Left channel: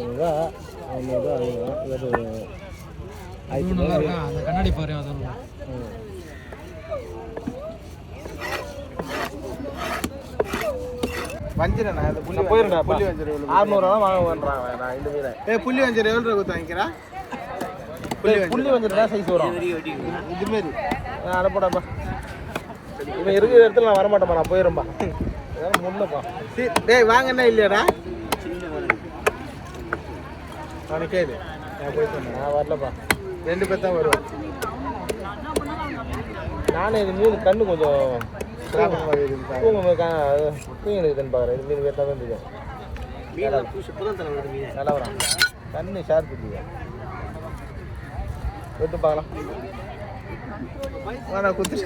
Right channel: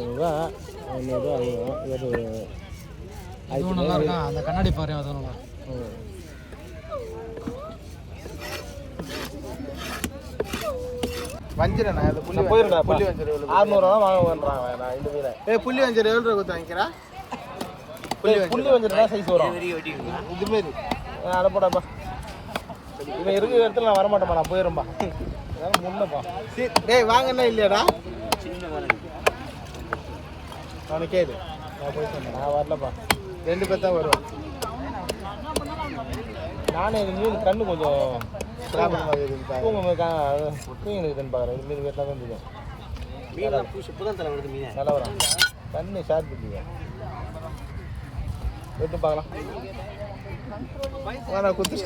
ரூபா 500 அந்த கண்ணாடி பாரு அது வஞ்சிரண்ணா அந்த புள்ளி போயிருங்க புள்ளி வஞ்சிரம் 600 வாங்குவேன்றான் நான் இந்த மீன் புள்ளி வஞ்சிரம் எவ்வளோ கொடுத்து வாங்கிக்கிறேன் புள்ளி வஞ்சிரம் தான் சைஸ் வரும் இதுமாரி நான் அடப்படாப்பா இவன் இருக்கிற இடத்துல நான் வரமாட்டேப்பா நான் போயிடும்பா முன்னப்பா டேய் வாங்கண்ணா இல்லையாடா அவனுக்கு கேடு நான் வரலப்பா 2 பேர் தான் வருவேன் நானே இது மீன் கண்ணு கொஞ்சம் தூங்கிடுதுன்னு பாரு இது மீன் கேட்டால் தான் தெரியும் நல்லா வரும் கண்ணு ஷார்ப் இல்லையா எடுத்து பார்க்கலாம் குத்து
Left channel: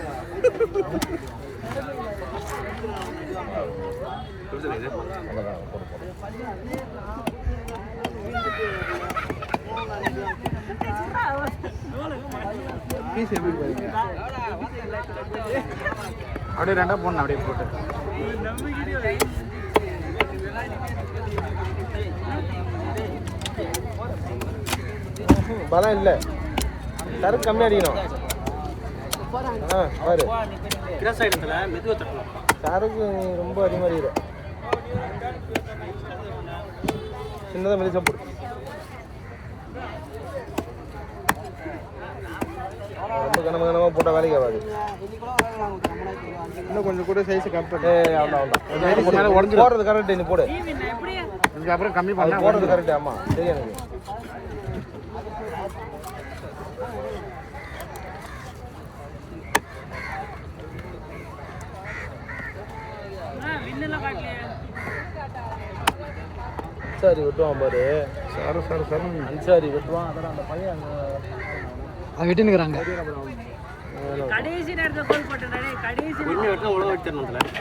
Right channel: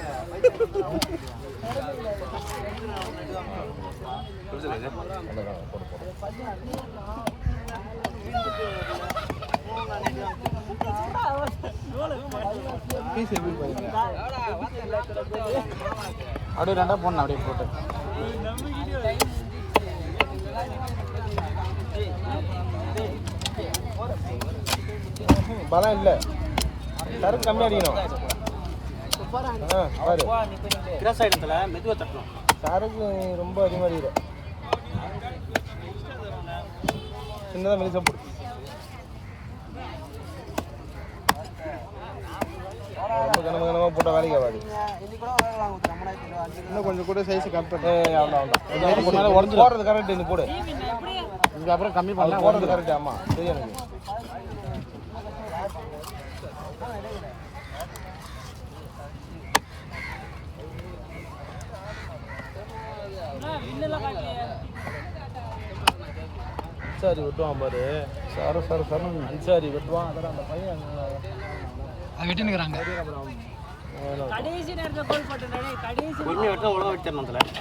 அப்படியே ரெண்டா போடணும் அப்படியே போட்டு பலம் இல்லை சரக்கு கம்மி அடிக்கணும் பாரு சரக்கு ரொம்ப அதிகமாக சின்னதாக மெலி சாப்பிடு ரொம்ப கனமாக போட்டால் வேலைக்கு ஆகாது இன்னும் கொஞ்சம் கூட சைஸ் கம்மி போடுறது கரெக்ட் நீ போடு இங்கே அப்புறம் கம்மி பண்ண போடுறது கரெக்ட் ஆமாம் தெரியும் சரி விட்டுவான் பாரு சரி விட்டுவான் அந்த பையன் அதை விட்டுனுக்குறாங்க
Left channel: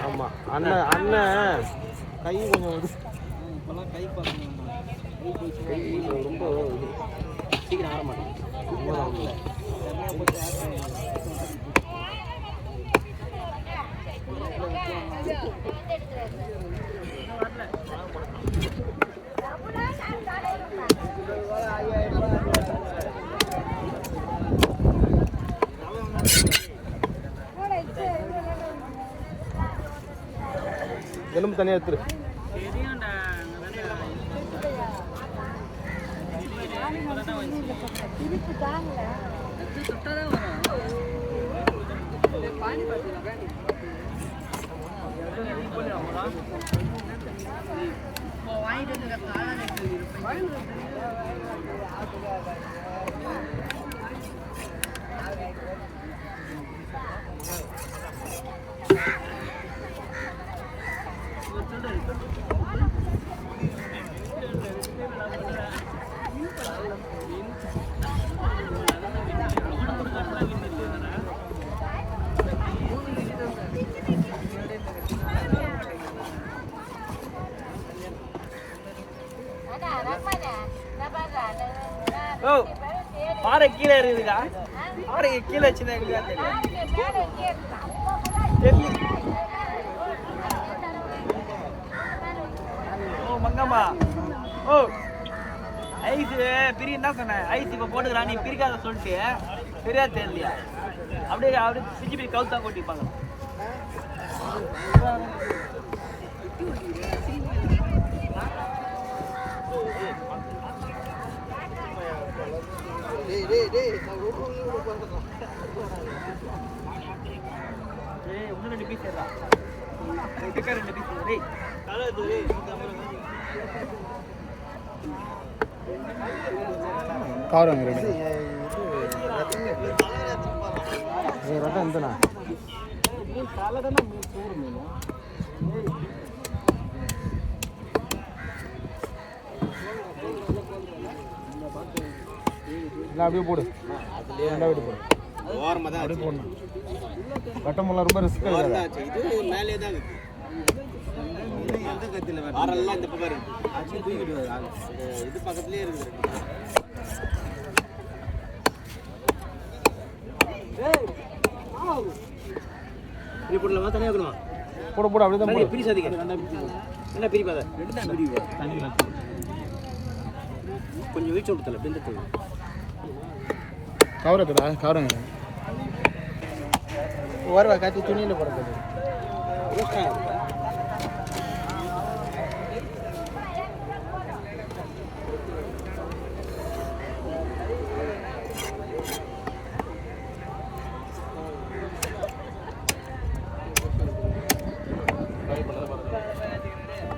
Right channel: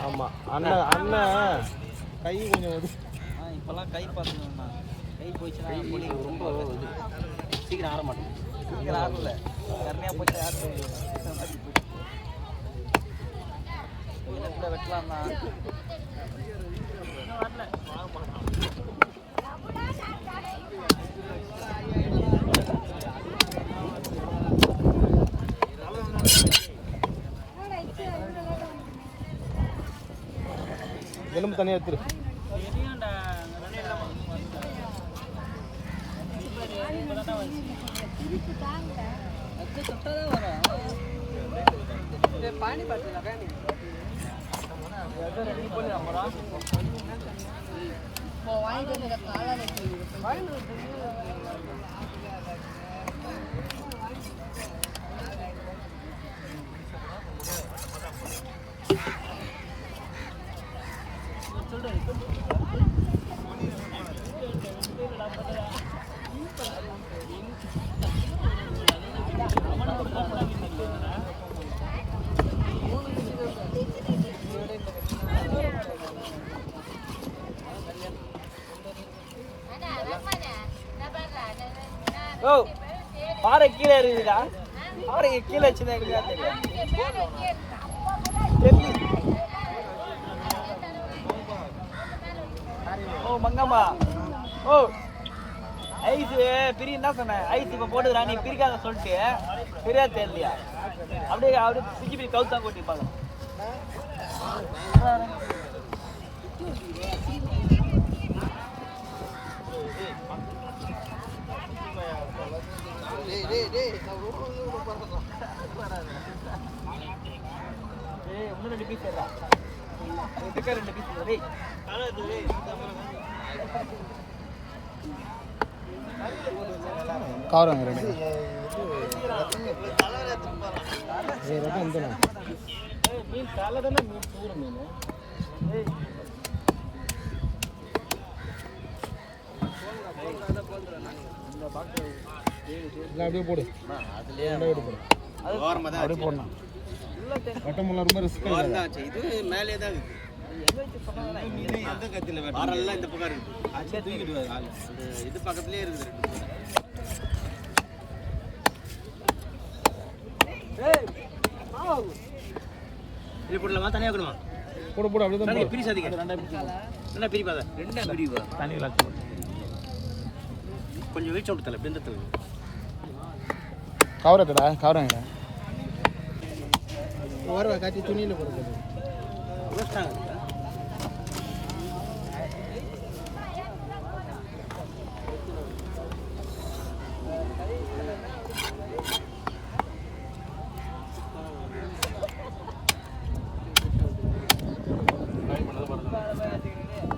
ஆமாம் அண்ணன் அண்ணன் கை கொஞ்சம் இப்போல்லாம் கை பார்க்கணும்மா கை போயிடுச்சுன்னா ரொம்ப சீக்கிரம் ஆட மாட்டேன் சீக்கிரம் ஆடல கம்மியாக போச்சு வெட்டலாமா எலும்பு தனியாக எடுத்துரு பாறை கீழே இருக்குதுக்கா பாறை கீழே வச்சுதான் தெரியும் ஓ மங்கம்மா ஓ ஐஸ் பிரி என்ன சொன்னேன் ஐஸ் இப்போ போட்டுக்கிறா நீ பிரிக்காத சொல்லிட்டு சரியா தெரியலையா அப்படியே அப்படியே பிரிச்சு பிரி கவுத்தா போட்டுப்பாங்க காரம் ரெடி ரகம் எந்தனா மீன் தலை தானே மீன் தூர மீன் இல்லை அப்படியே போடு அதுலேயே ரெண்டாவது போடு ஓரமாக தான் அப்படியே போடணும் வட்டமெல்லாம் ரொம்ப ரிஸ்க் ஆகிடுது இது மேலே தான் எந்த கத்தியில் வரலாம் இந்த பக்கம் இருக்குது அது தூக்கிட்டு ஆள் இது பக்கத்துலேயே இருக்குது இது போடலாமா தனியாக வைக்கணுமா போட போட அப்படியே தான் போடு பிரிசாதீங்க என்ன பிரிப்பாத ரெண்டு தான் பிரிப்பா தண்ணி கொஞ்சம் வீச்சு விடுத்தல பிந்தத்தில் கவரத்துடா கவரங்க வருவா காய்ச்சி துணியில் போடுறது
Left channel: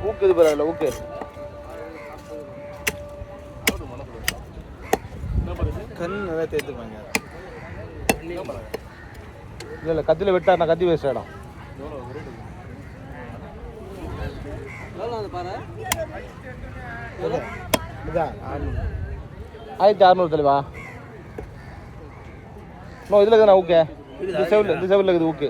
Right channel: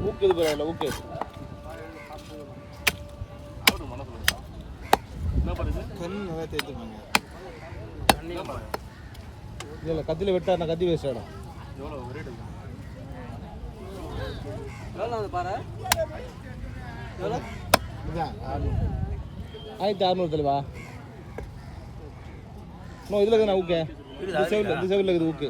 ஊக்கு இது பரவாயில்ல ஊக்கு கண் நிறைய தேர்த்துப்பாங்க இல்லை கத்தியில் விட்டா நான் கத்தி வேஸ்ட் இடம் 1600 தெளிவா நோ இதில் இருக்குண்ணா ஓகே இது செவலில் இருக்குது ஓகே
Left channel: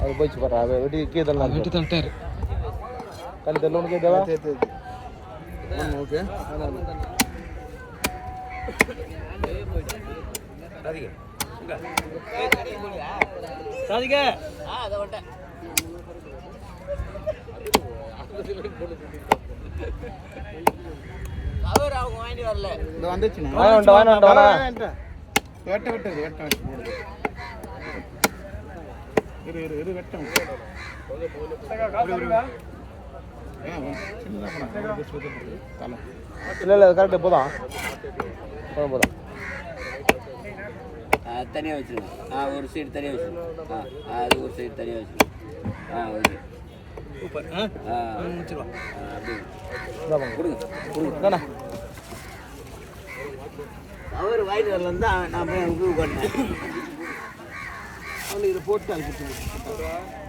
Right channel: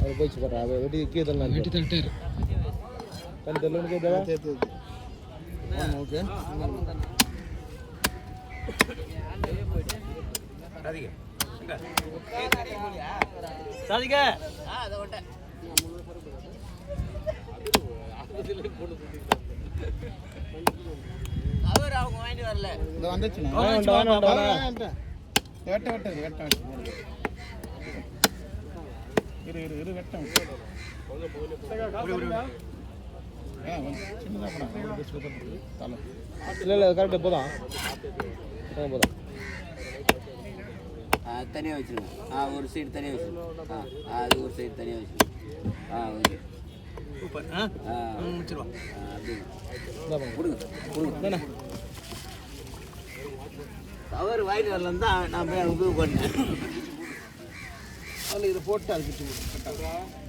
அது போயிடுச்சு பாரு அது வெட்டி கீழே தள்ளலாம் வெட்டி தட்டாரு கண் தெரியல உனக்கு தேவா ஓகே சாதிக்க அவர் அவங்க வாங்கிட்டு வரல இந்த வந்துச்சு வெட்ட இரு வெட்டம் இல்லை கரெக்டாக போதும் போதும் தனியாக வச்சுருங்க ஒரு சைடு தனியாக வச்சுருங்க அது ஒரு சைடு தனியாக வச்சுருங்க ஓகே சூப்பர் முடிச்சிருவா கொடுங்க அவர் வாங்கிட்டு வரலாம் தான் நான் போய் அங்கே போய் உட்காந்தேன் அதில் இதை போட்டு அழைச்சிட்டு